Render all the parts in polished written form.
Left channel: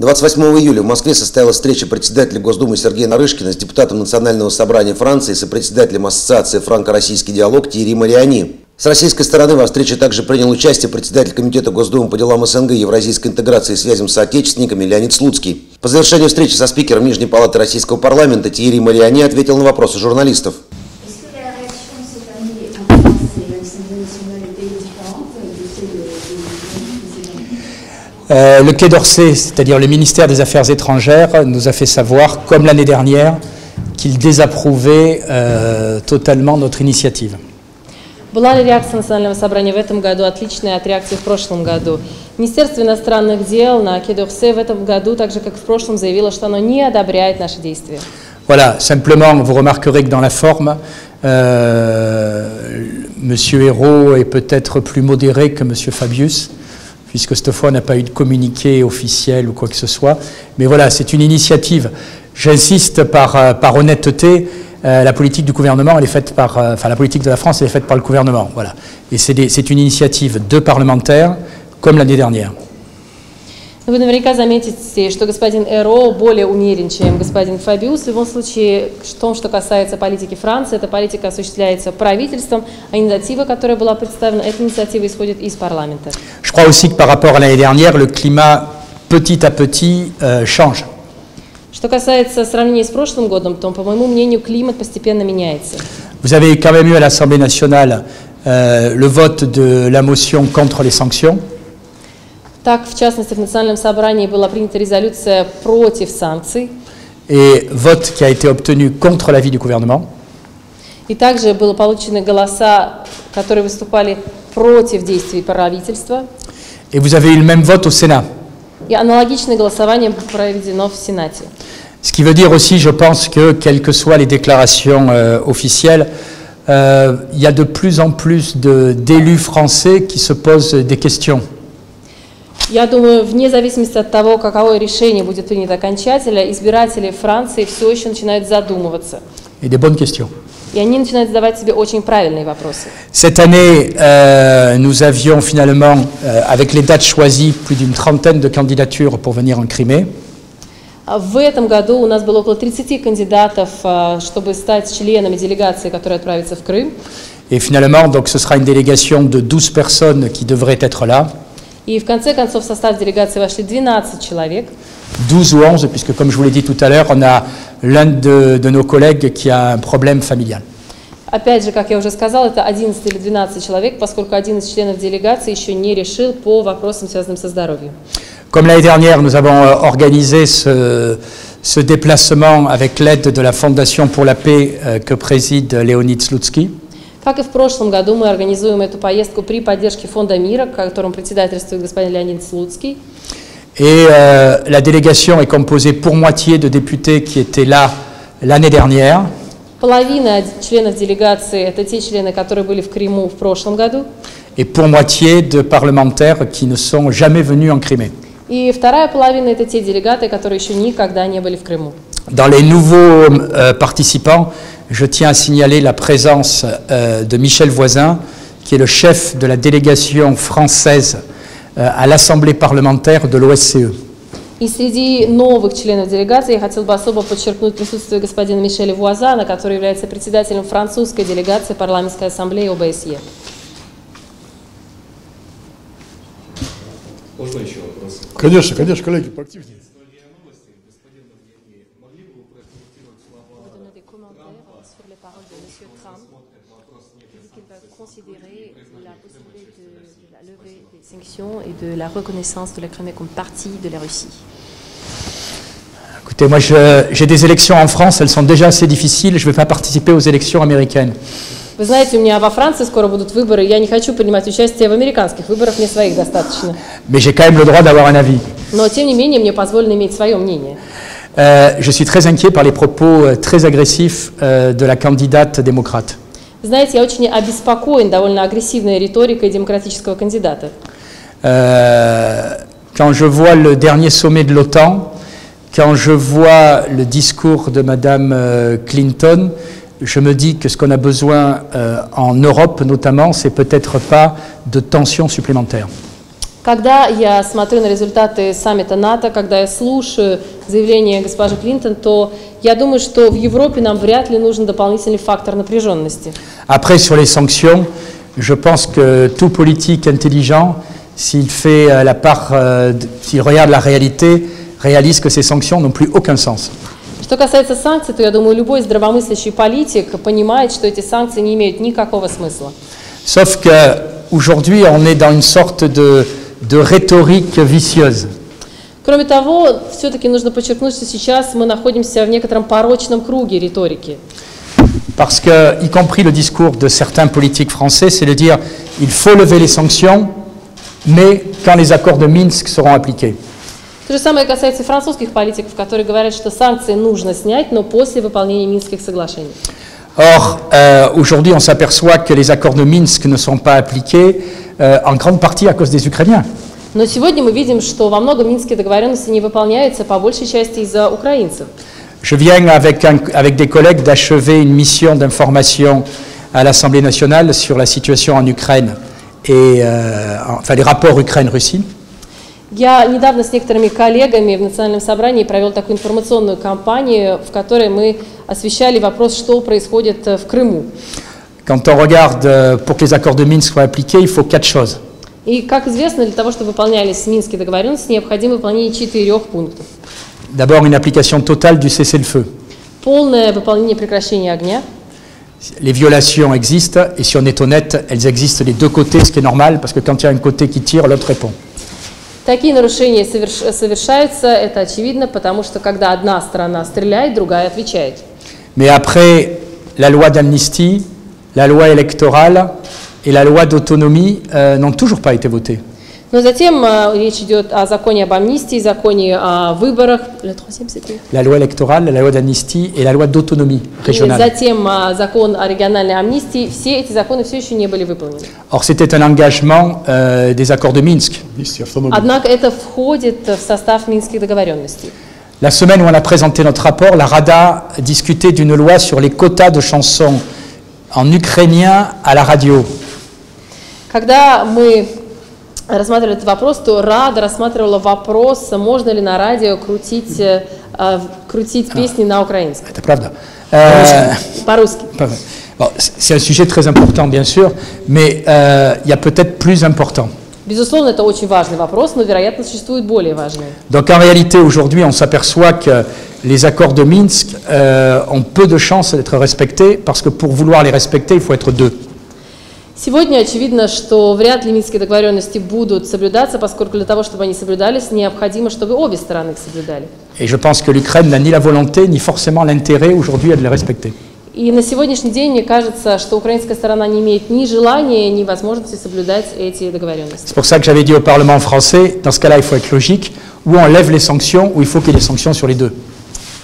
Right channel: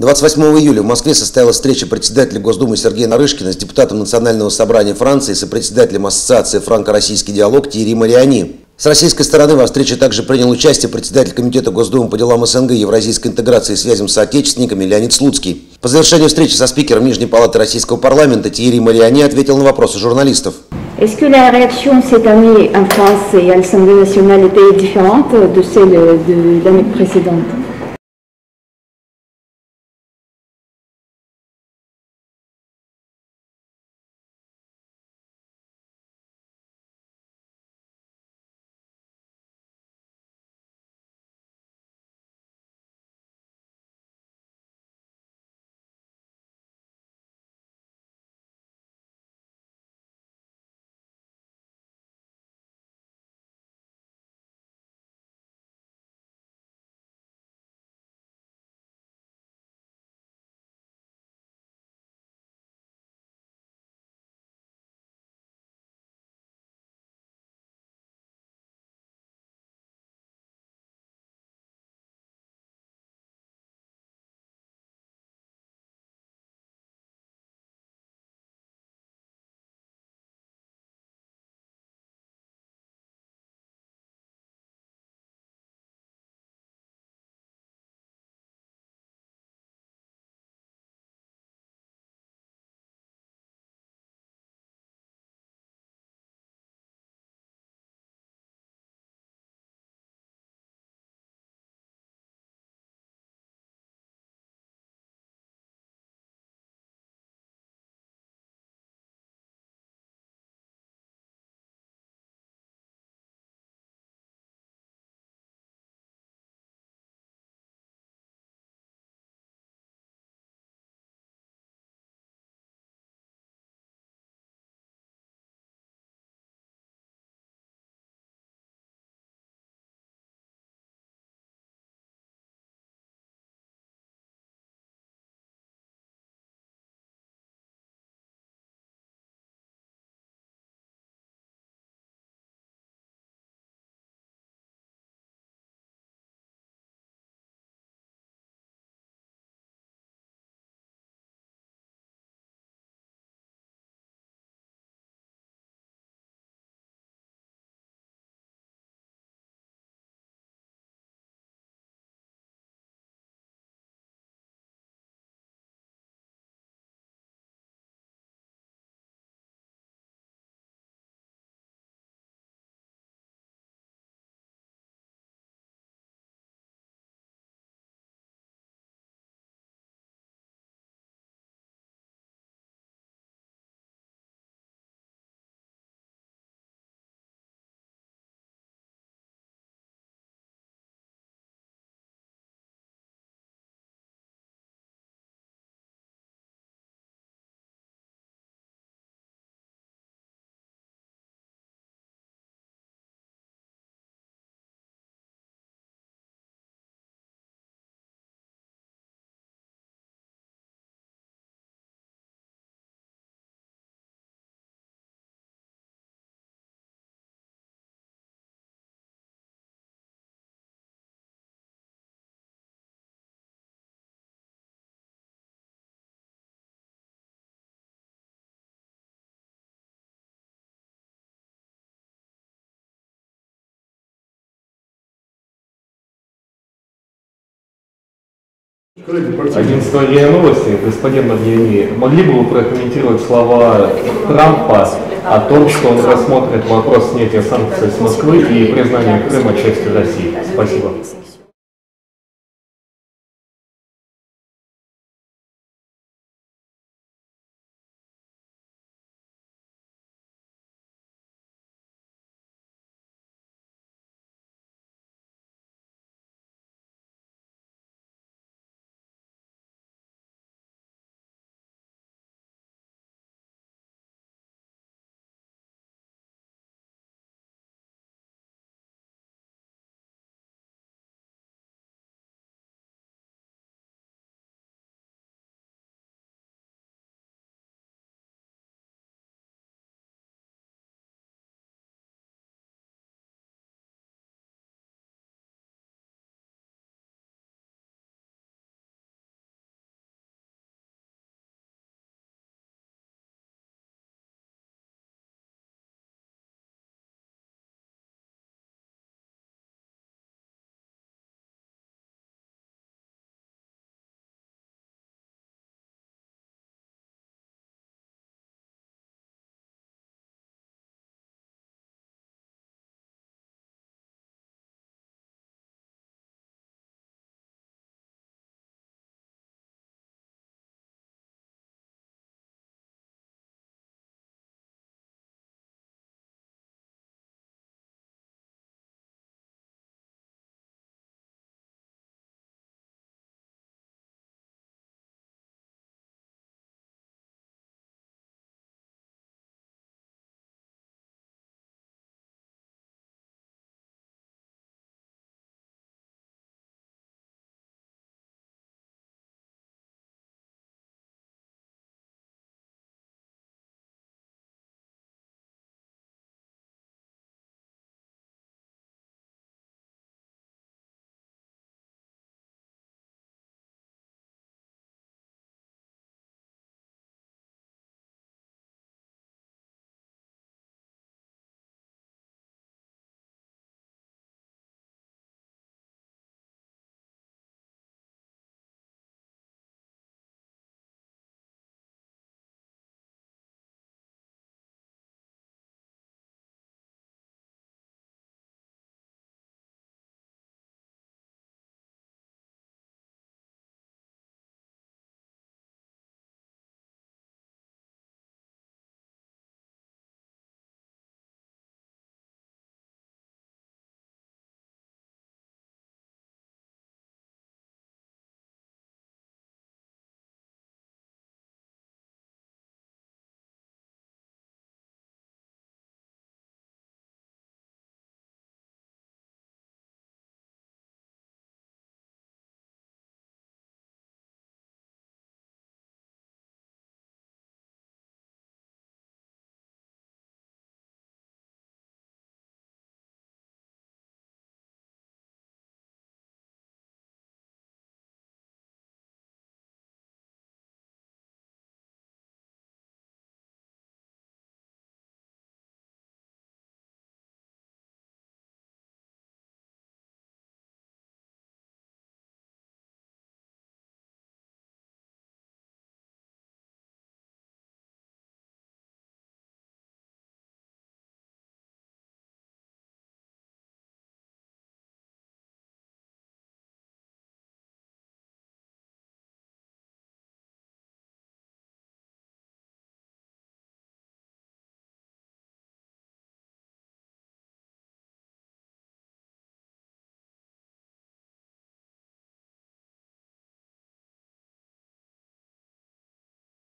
28 июля в Москве состоялась встреча председателя Госдумы Сергея Нарышкина с депутатом Национального собрания Франции и сопредседателем Ассоциации «Франко-российский диалог» Тьерри Мариани. С российской стороны во встрече также принял участие председатель Комитета Госдумы по делам СНГ, евразийской интеграции и связям с соотечественниками Леонид Слуцкий. По завершению встречи со спикером Нижней палаты Российского парламента Тьерри Мариани ответил на вопросы журналистов. Est-ce que la réaction cette année en France et à l'Assemblée nationale était différente de celle de l'année précédente? Le Quai d'Orsay, c'est-à-dire le ministère des Affaires étrangères, nous a fait savoir, comme l'année dernière, qu'il désapprouvait totalement notre initiative. Была ли реакция Национального собрания в этом году отличная от реакции в прошлом году? Министерство иностранных дел на Quai d'Orsay в этом году, так же как в прошлом, заявило, что оно не одобряет наши действия. Voilà, simplement, vous remarquerez que dans la forme, Monsieur Hérault est peut-être plus modéré que Monsieur Fabius, puisque cette fois on n'a pas eu de communiqué officiel ou quoi que ce soit. Mais voilà, c'est une initiative. J'insiste par honnêteté. La politique du gouvernement, elle est faite par, la politique de la France, elle est faite par le gouvernement, voilà. Et c'est une initiative de parlementaires, comme l'année dernière. Вы наверняка заметите, что господин Эро более умерен, чем господин Фабиус. В любом случае, в том, что касается политики Франции, эта политика осуществляется правительством, а инициатива, которая была представлена, эта инициатива исходит из парламента. Je crois aussi que par rapport à l'année dernière, le climat petit à petit change. Что касается сравнения с прошлым годом, то, по моему мнению, климат постепенно меняется. Vous avez quand même eu à l'Assemblée nationale le vote de la motion contre les sanctions. Так, в частности, в Национальном собрании была принята резолюция против санкций. Et vote qui a été obtenu contre l'avis du gouvernement. И также были получены голоса, которые выступали против действий правительства. Et vous avez eu le même vote au Sénat. И аналогичное голосование проведено в Сенате. Ce qui veut dire aussi, je pense que, quelles que soient les déclarations officielles, il y a de plus en plus d'élus français qui se posent des questions. Я думаю, вне зависимости от того, какое решение будет принято окончательно, избиратели Франции все еще начинают задумываться. Et des bonnes questions. И они начинают задавать себе очень правильные вопросы. Cette année, nous avions finalement, avec les dates choisies, plus d'une trentaine de candidatures pour venir en Crimée. В этом году у нас было около 30 кандидатов, чтобы стать членами делегации, которая отправится в Крым. Et finalement, donc, ce sera une délégation de 12 personnes qui devraient être là. И в конце концов в состав делегации вошли 12 человек. 12 ou 11, puisque comme je vous l'ai dit tout à l'heure, on a l'un de nos collègues qui a un problème familial. Опять же, как я уже сказала, это 11 или 12 человек, поскольку один из членов делегации еще не решил по вопросам, связанным со здоровьем. Comme l'année dernière, nous avons organisé ce déplacement avec l'aide de la Fondation pour la paix que préside Leonid Slutsky. Как и в прошлом году, мы организуем эту поездку при поддержке Фонда мира, которым председательствует господин Леонид Слуцкий. Et la délégation est composée pour moitié de députés qui étaient là l'année dernière. Половина членов делегации – это те члены, которые были в Крыму в прошлом году. Et pour moitié de parlementaires qui ne sont jamais venus en Crimée. И вторая половина – это те делегаты, которые еще никогда не были в Крыму. Dans les nouveaux participants, je tiens à signaler la présence de Michel Voisin, qui est le chef de la délégation française à l'Assemblée parlementaire de l'OSCE. И среди новых членов делегации я хотел бы особо подчеркнуть присутствие господина Мишеля Вуазана, который является председателем французской делегации парламентской ассамблеи ОБСЕ. Можно еще вопрос? Конечно, конечно, коллеги. Агентство РИА Новости, господин Марьяни, могли бы вы прокомментировать слова Трампа о том, что он рассмотрит вопрос снятия санкций с Москвы и признания Крыма частью России? Спасибо. Écoutez, moi j'ai des élections en France, elles sont déjà assez difficiles, je ne vais pas participer aux élections américaines. Вы знаете, у меня во Франции скоро будут выборы, я не хочу принимать участие в американских выборах, мне своих достаточно. Mais j'ai quand même le droit d'avoir un avis. Но, тем не менее, мне позволено иметь свое мнение. Je suis très inquiet par les propos très agressifs de la candidate démocrate. Знаете, я очень обеспокоен довольно агрессивной риторикой демократического кандидата. Quand je vois le dernier sommet de l'OTAN, quand je vois le discours de Madame Clinton, je me dis que ce qu'on a besoin en Europe notamment, c'est peut-être pas de tensions supplémentaires. Когда я смотрю на результаты саммита НАТО, когда я слушаю заявление госпожи Клинтон, то я думаю, что в Европе нам вряд ли нужен дополнительный фактор напряженности. Après, sur les sanctions, je pense que tout politique intelligent, s'il fait la part, s'il regarde la réalité, réalise que ces sanctions n'ont plus aucun sens. Что касается санкций, то я думаю, любой здравомыслящий политик понимает, что эти санкции не имеют никакого смысла. Sauf qu'aujourd'hui, on est dans une sorte de rhétorique vicieuse. Кроме того, все-таки нужно подчеркнуть, что сейчас мы находимся в некотором порочном круге риторики. Parce que, y compris le discours de certains politiques français, c'est de dire il faut lever les sanctions, mais quand les accords de Minsk seront appliqués. То же самое касается и французских политиков, которые говорят, что санкции нужно снять, но после выполнения Минских соглашений. Or, aujourd'hui, on s'aperçoit que les accords de Minsk ne sont pas appliqués en grande partie à cause des Ukrainiens. Но сегодня мы видим, что во многом Минские договоренности не выполняются по большей части из-за украинцев. Je viens avec des collègues d'achever une mission d'information à l'Assemblée nationale sur la situation en Ukraine et enfin les rapports Ukraine-Russie. Я недавно с некоторыми коллегами в Национальном собрании провел такую информационную кампанию, в которой мы освещали вопрос, что происходит в Крыму. Quand on regarde, pour que les accords de Minsk soient appliqués, il faut 4 choses. И, как известно, для того, чтобы выполнялись Минские договоренности, необходимо выполнение 4 пунктов. D'abord, une application totale du cessez-le-feu. Полное выполнение прекращения огня. Les violations existent, et si on est honnête, elles existent des deux côtés, ce qui est normal, parce que quand il y a un côté qui tire, l'autre répond. Такие нарушения совершаются, это очевидно, потому что когда одна сторона стреляет, другая отвечает. Mais après la loi d'amnistie, la loi électorale et la loi d'autonomie n'ont toujours pas été votées. Но затем речь идет о законе об амнистии, законе о выборах. La loi électorale, la loi d'amnistie et la loi d'autonomie régionale. Затем закон о региональной амнистии. Все эти законы все еще не были выполнены. Or, c'était un engagement des accords de Minsk. Однако это входит в состав Минских договоренностей. La semaine où on a présenté notre rapport, la Rada discutait d'une loi sur les quotas de chansons en ukrainien à la radio. Когда мы рассматривали этот вопрос, то Рада рассматривала вопрос, можно ли на радио крутить песни на украинском. Это правда. По-русски. Bon, c'est un sujet très important, bien sûr, mais il y a peut-être plus important. Безусловно, это очень важный вопрос, но, вероятно, существует более важные. Donc, en réalité, aujourd'hui, on s'aperçoit que les accords de Minsk ont peu de chances d'être respectés, parce que pour vouloir les respecter, il faut être deux. Сегодня очевидно, что вряд ли Минские договоренности будут соблюдаться, поскольку для того, чтобы они соблюдались, необходимо, чтобы обе стороны их соблюдали. Et je pense que l'Ukraine n'a ni la volonté, ni forcément l'intérêt aujourd'hui à les respecter. И на сегодняшний день мне кажется, что украинская сторона не имеет ни желания, ни возможности соблюдать эти договоренности. C'est pour ça que j'avais dit au Parlement français, dans ce cas-là, il faut être logique, ou on lève les sanctions, ou il faut qu'il y ait des sanctions sur les deux.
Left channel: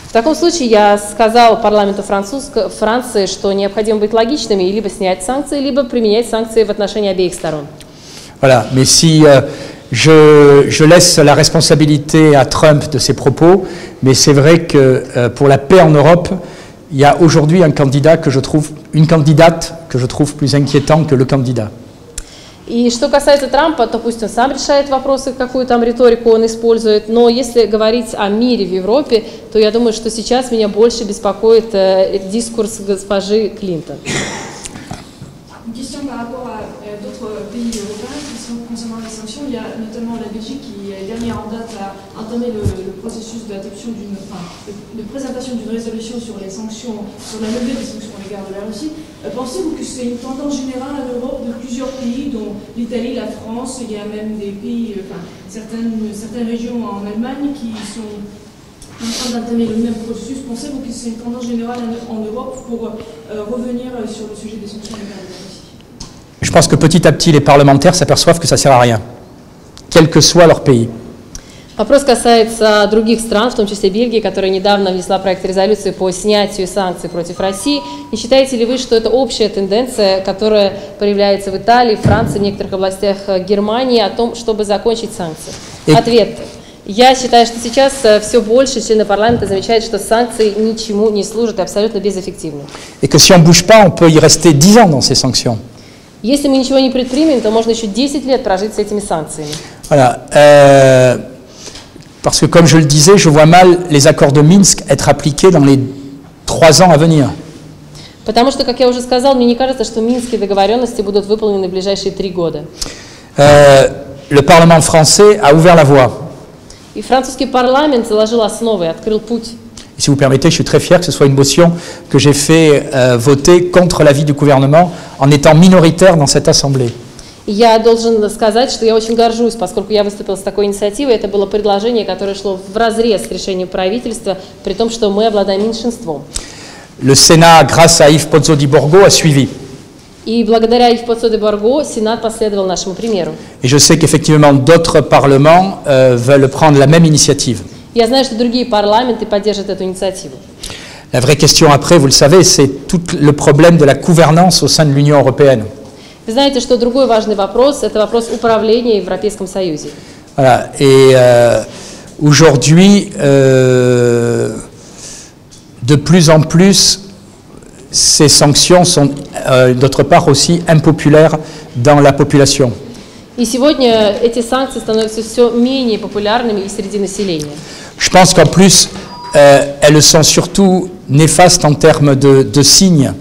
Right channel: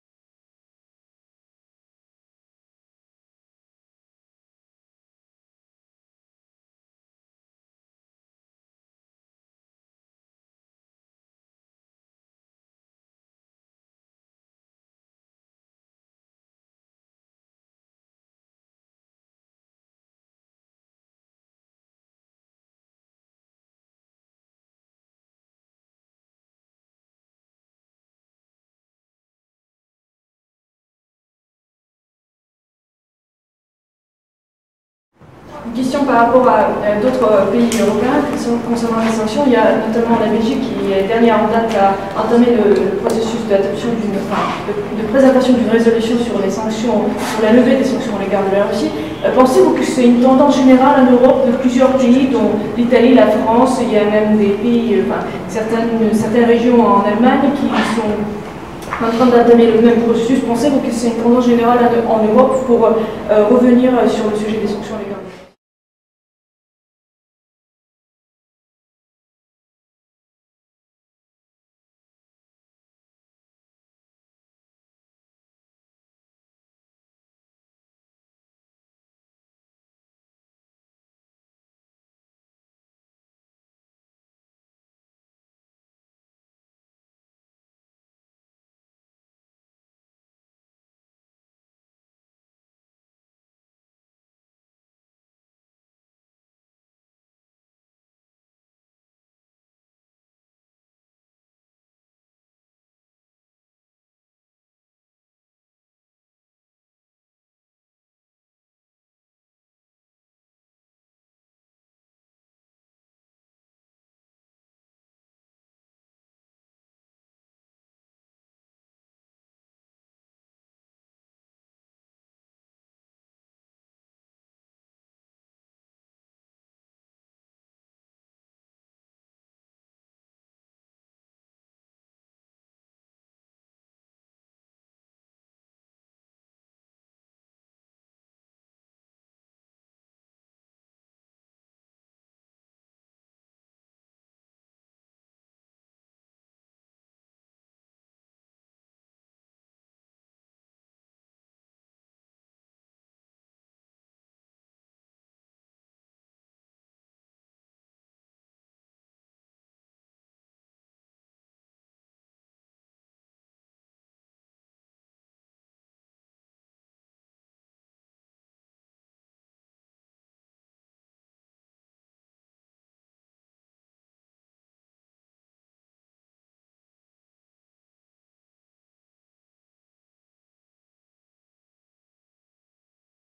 В таком случае я сказал парламенту Франции, что необходимо быть логичными и либо снять санкции, либо применять санкции в отношении обеих сторон. Voilà, mais si je laisse la responsabilité à Trump de ses propos, mais c'est vrai que pour la paix en Europe, il y a aujourd'hui une candidate que je trouve plus inquiétant que le candidat. И что касается Трампа, то пусть он сам решает вопросы, какую там риторику он использует, но если говорить о мире в Европе, то я думаю, что сейчас меня больше беспокоит дискурс госпожи Клинтон. Question par rapport à d'autres pays européens concernant les sanctions. Il y a notamment la Belgique qui, dernière en date, a entamé le processus d'adoption de présentation d'une résolution sur les sanctions, sur la levée des sanctions à l'égard de la Russie. Pensez-vous que c'est une tendance générale en Europe de plusieurs pays, dont l'Italie, la France, il y a même des pays, certaines régions en Allemagne qui sont en train d'entamer le même processus? Pensez-vous que c'est une tendance générale en Europe pour revenir sur le sujet des sanctions à l'égard de la Russie? Je pense que petit à petit, les parlementaires s'aperçoivent que ça ne sert à rien, quel que soit leur pays. Вопрос касается других стран, в том числе Бельгии, которая недавно внесла проект резолюции по снятию санкций против России. Не считаете ли вы, что это общая тенденция, которая проявляется в Италии, Франции, в некоторых областях Германии, о том, чтобы закончить санкции? Ответ. Я считаю, что сейчас все больше члены парламента замечают, что санкции ничему не служат и абсолютно безэффективны. Et que si on ne bouge pas, on peut y rester 10 ans dans ces sanctions. Если мы ничего не предпримем, то можно еще 10 лет прожить с этими санкциями. Voilà. Parce que, comme je le disais, je vois mal les accords de Minsk être appliqués dans les 3 ans à venir. Потому что, как я уже сказал, мне не кажется, что минские договоренности будут выполнены в ближайшие 3 года. Le Parlement français a ouvert la voie. И французский парламент заложил основы, открыл путь. Et si vous permettez, je suis très fier que ce soit une motion que j'ai fait voter contre l'avis du gouvernement en étant minoritaire dans cette Assemblée. И я должен сказать, что я очень горжусь, поскольку я выступила с такой инициативой. Это было предложение, которое шло вразрез с решением правительства, при том, что мы обладаем меньшинством. Le Sénat, grâce à Yves Pozzo di Borgo, a suivi. И благодаря Yves Pozzo di Borgo, Сенат последовал нашему примеру. Et je sais qu'effectivement d'autres parlements veulent prendre la même initiative. Я знаю, что другие парламенты поддержат эту инициативу. La vraie question après, vous le savez, c'est tout le problème de la gouvernance au sein de l'Union européenne. Вы знаете, что другой важный вопрос – это вопрос управления в Европейском Союзе. Voilà. Et aujourd'hui, de plus en plus, ces sanctions sont, d'autre part, aussi impopulaires dans la population. И сегодня эти санкции становятся все менее популярными и среди населения. Je pense qu'en plus, elles sont surtout néfastes en termes de signes.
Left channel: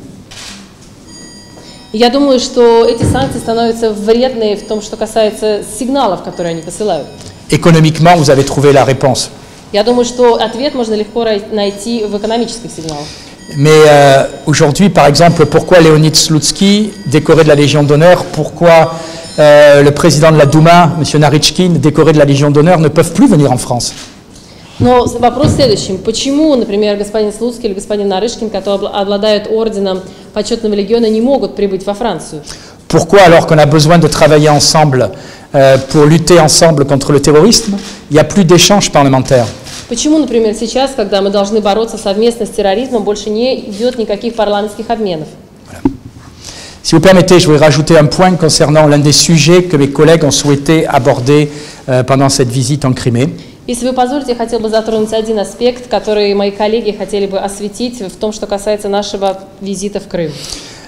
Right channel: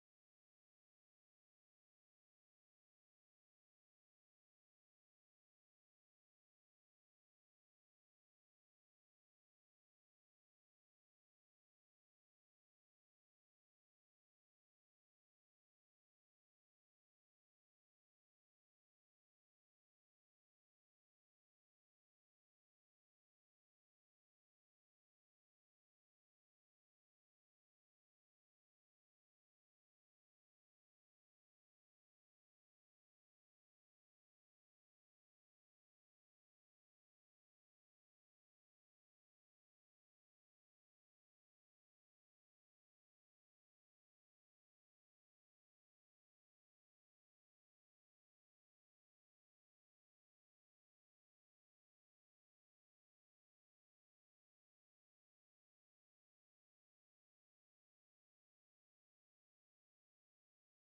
Я думаю, что эти санкции становятся вредные в том, что касается сигналов, которые они посылают. Économiquement, vous avez trouvé la réponse. Я думаю, что ответ можно легко найти в экономических сигналах. Mais aujourd'hui, par exemple, pourquoi Leonid Slutsky, décoré de la Légion d'honneur, pourquoi le président de la Douma, M. Narychkin, décoré de la Légion d'honneur, ne peuvent plus venir en France? Но вопрос в следующем. Почему, например, господин Слуцкий или господин Нарышкин, которые обладают орденом почетного легиона, не могут прибыть во Францию? Pourquoi, alors qu'on a besoin de travailler ensemble pour lutter ensemble contre le terrorisme, il n'y a plus d'échanges parlementaires? Почему, например, сейчас, когда мы должны бороться совместно с терроризмом, больше не идет никаких парламентских обменов? Si vous permettez, je voudrais rajouter un point concernant l'un des sujets que mes collègues ont souhaité aborder pendant cette visite en Crimée. Если вы позволите, я хотел бы затронуть один аспект, который мои коллеги хотели бы осветить в том, что касается нашего визита в Крым.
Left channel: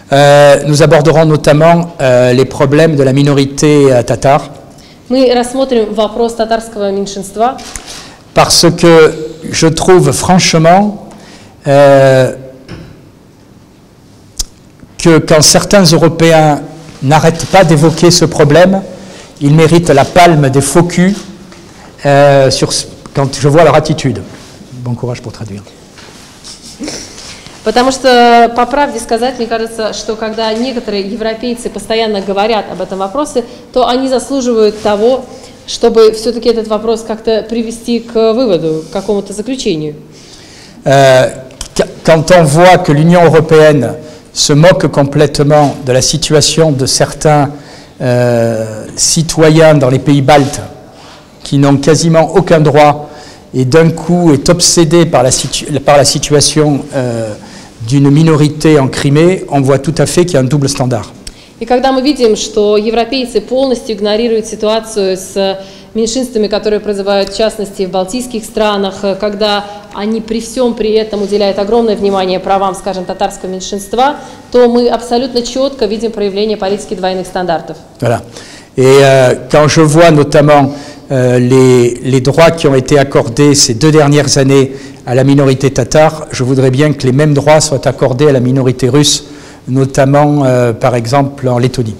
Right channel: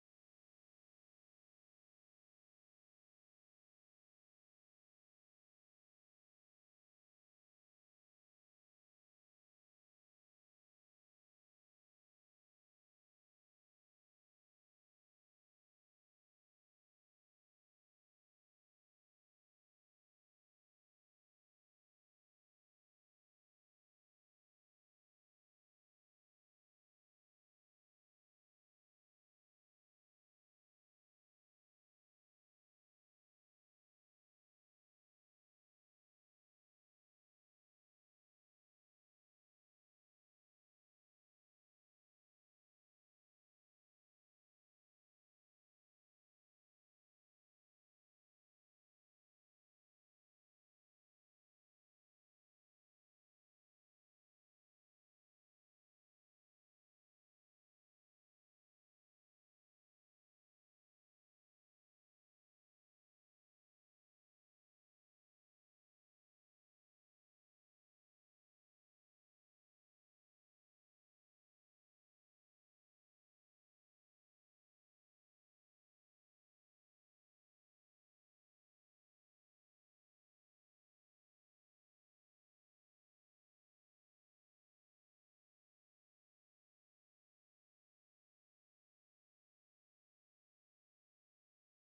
Nous aborderons notamment les problèmes de la minorité tatare. Мы рассмотрим вопрос татарского меньшинства. Parce que je trouve franchement que quand certains Européens n'arrêtent pas d'évoquer ce problème, ils méritent la palme des faux culs quand je vois leur attitude. Bon courage pour traduire. Потому что, по правде сказать, мне кажется, что когда некоторые европейцы постоянно говорят об этом вопросе, то они заслуживают того, чтобы все-таки этот вопрос как-то привести к выводу, к какому-то заключению. Quand on voit que l'Union européenne se moque complètement de la situation de certains citoyens dans les pays baltes qui n'ont quasiment aucun droit et d'un coup est obsédé par la situation d'une minorité en Crimée, on voit tout à fait qu'il y a un double standard. И когда мы видим, что европейцы полностью игнорируют ситуацию с меньшинствами, которые проживают в частности в балтийских странах, когда они при всем при этом уделяют огромное внимание правам, скажем, татарского меньшинства, то мы абсолютно четко видим проявление политики двойных стандартов. Voilà. Et quand je vois notamment les droits qui ont été accordés ces 2 dernières années à la minorité tatare, je voudrais bien que les mêmes droits soient accordés à la minorité russe, notamment par exemple en Lettonie.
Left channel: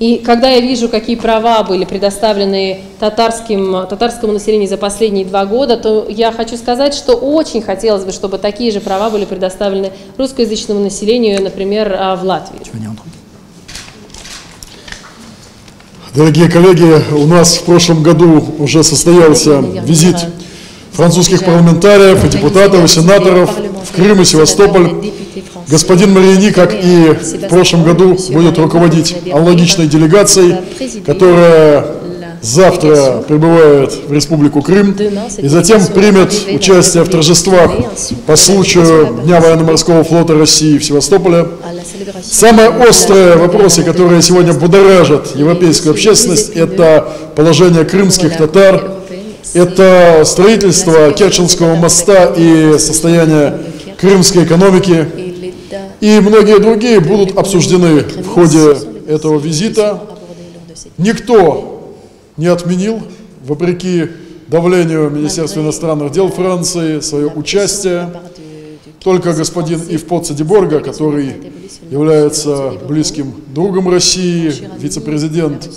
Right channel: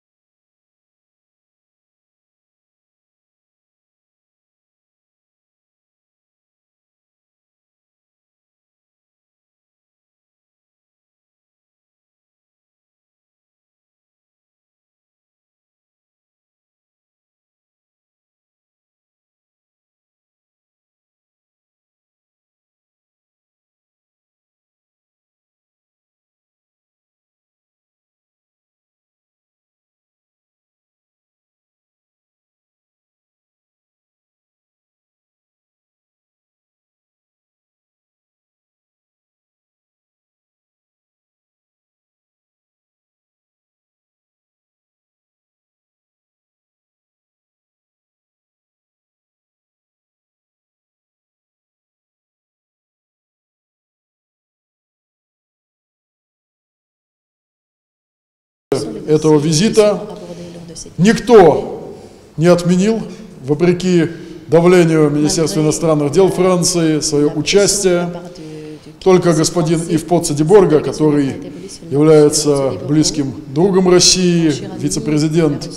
И когда я вижу, какие права были предоставлены татарскому населению за последние 2 года, то я хочу сказать, что очень хотелось бы, чтобы такие же права были предоставлены русскоязычному населению, например, в Латвии. Дорогие коллеги, у нас в прошлом году уже состоялся визит французских парламентариев и депутатов, и сенаторов в Крым и Севастополь. Господин Марьяни, как и в прошлом году, будет руководить аналогичной делегацией, которая завтра прибывает в Республику Крым и затем примет участие в торжествах по случаю Дня военно-морского флота России в Севастополе. Самые острые вопросы, которые сегодня будоражат европейскую общественность, это положение крымских татар, это строительство Керченского моста и состояние крымской экономики. И многие другие будут обсуждены в ходе этого визита. Никто не отменил, вопреки давлению Министерства иностранных дел Франции, свое участие. Только господин Ив Поцци-Деборга, который является близким другом России, вице-президент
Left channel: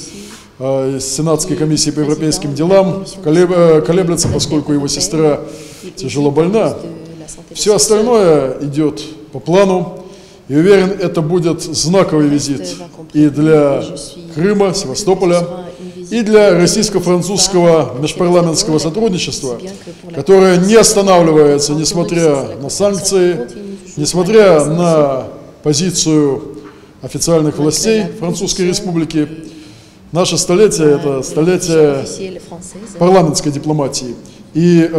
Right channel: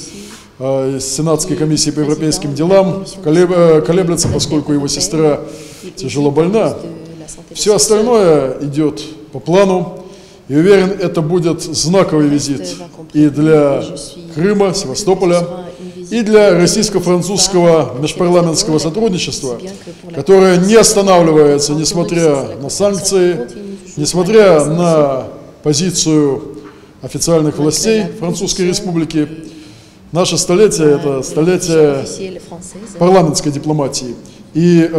Сенатской комиссии по европейским делам, колеблется, поскольку его сестра тяжело больна. Все остальное идет по плану. И уверен, это будет знаковый визит и для Крыма, Севастополя, и для российско-французского межпарламентского сотрудничества, которое не останавливается, несмотря на санкции, несмотря на позицию официальных властей Французской Республики. Наше столетие – это столетие парламентской дипломатии. И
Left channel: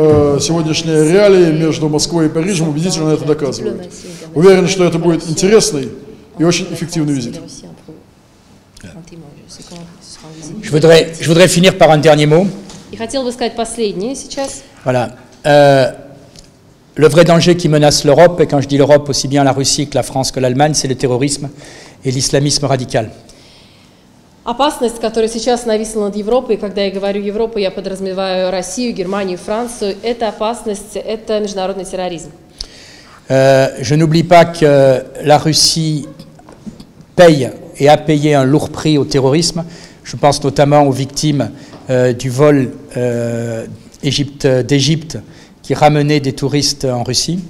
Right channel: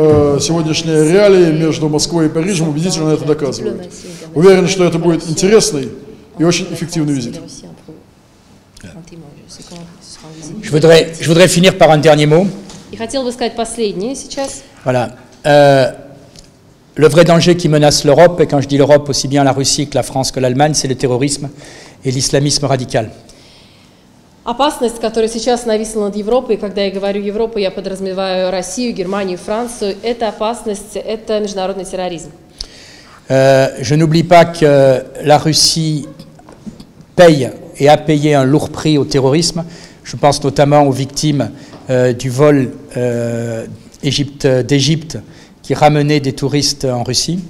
сегодняшние реалии между Москвой и Парижем убедительно это доказывают. Уверен, что это будет интересный и очень эффективный визит. Je voudrais finir par un dernier mot. И хотел бы сказать последнее сейчас. Voilà. Le vrai danger qui menace l'Europe, et quand je dis l'Europe, aussi bien la Russie que la France que l'Allemagne, c'est le terrorisme et l'islamisme radical. Опасность, которая сейчас нависла над Европой, когда я говорю Европа, я подразумеваю Россию, Германию, Францию, это опасность, это международный терроризм. Je n'oublie pas que la Russie paye et a payé un lourd prix au terrorisme. Je pense notamment aux victimes du vol d'Égypte qui ramenait des touristes en Russie.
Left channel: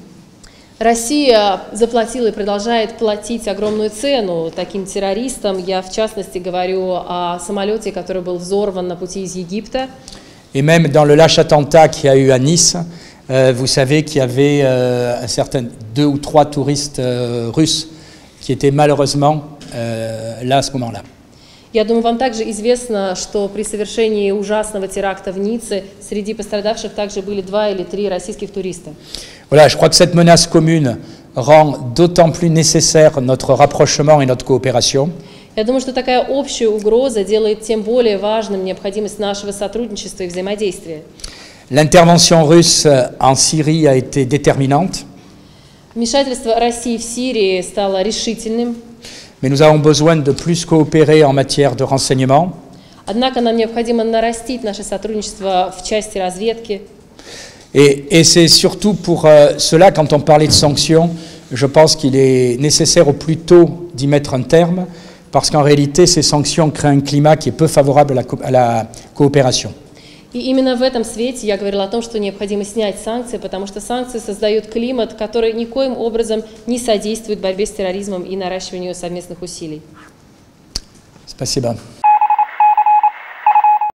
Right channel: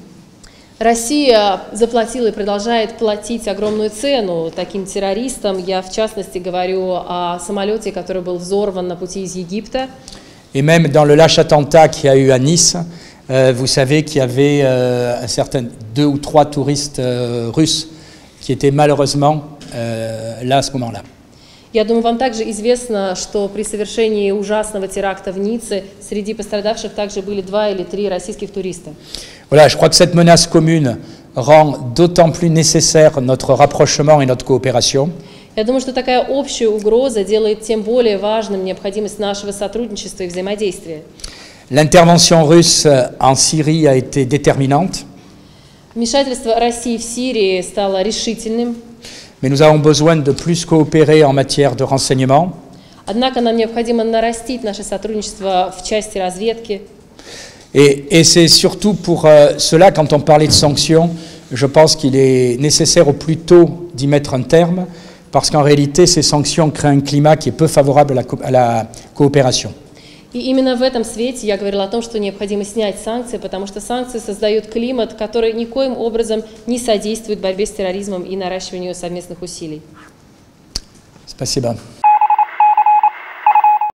Россия заплатила и продолжает платить огромную цену таким террористам. Я, в частности, говорю о самолете, который был взорван на пути из Египта. Et même dans le lâche attentat qu'il y a eu à Nice, vous savez qu'il y avait un certain 2 ou 3 touristes russes qui étaient malheureusement là à ce moment-là. Я думаю, вам также известно, что при совершении ужасного теракта в Ницце среди пострадавших также были 2 или 3 российских туриста. Voilà, je crois que cette menace commune rend d'autant plus nécessaire notre rapprochement et notre coopération. Я думаю, что такая общая угроза делает тем более важным необходимость нашего сотрудничества и взаимодействия. L'intervention russe en Syrie a été déterminante. Вмешательство России в Сирии стало решительным. Mais nous avons besoin de plus coopérer en matière de renseignement. Однако нам необходимо нарастить наше сотрудничество в части разведки. Et c'est surtout pour cela, quand on parlait de sanctions, je pense qu'il est nécessaire au plus tôt d'y mettre un terme, parce qu'en réalité, ces sanctions créent un climat qui est peu favorable à la coopération. И именно в этом свете я говорила о том, что необходимо снять санкции, потому что санкции создают климат, который никоим образом не содействует борьбе с терроризмом и наращиванию совместных усилий. Спасибо.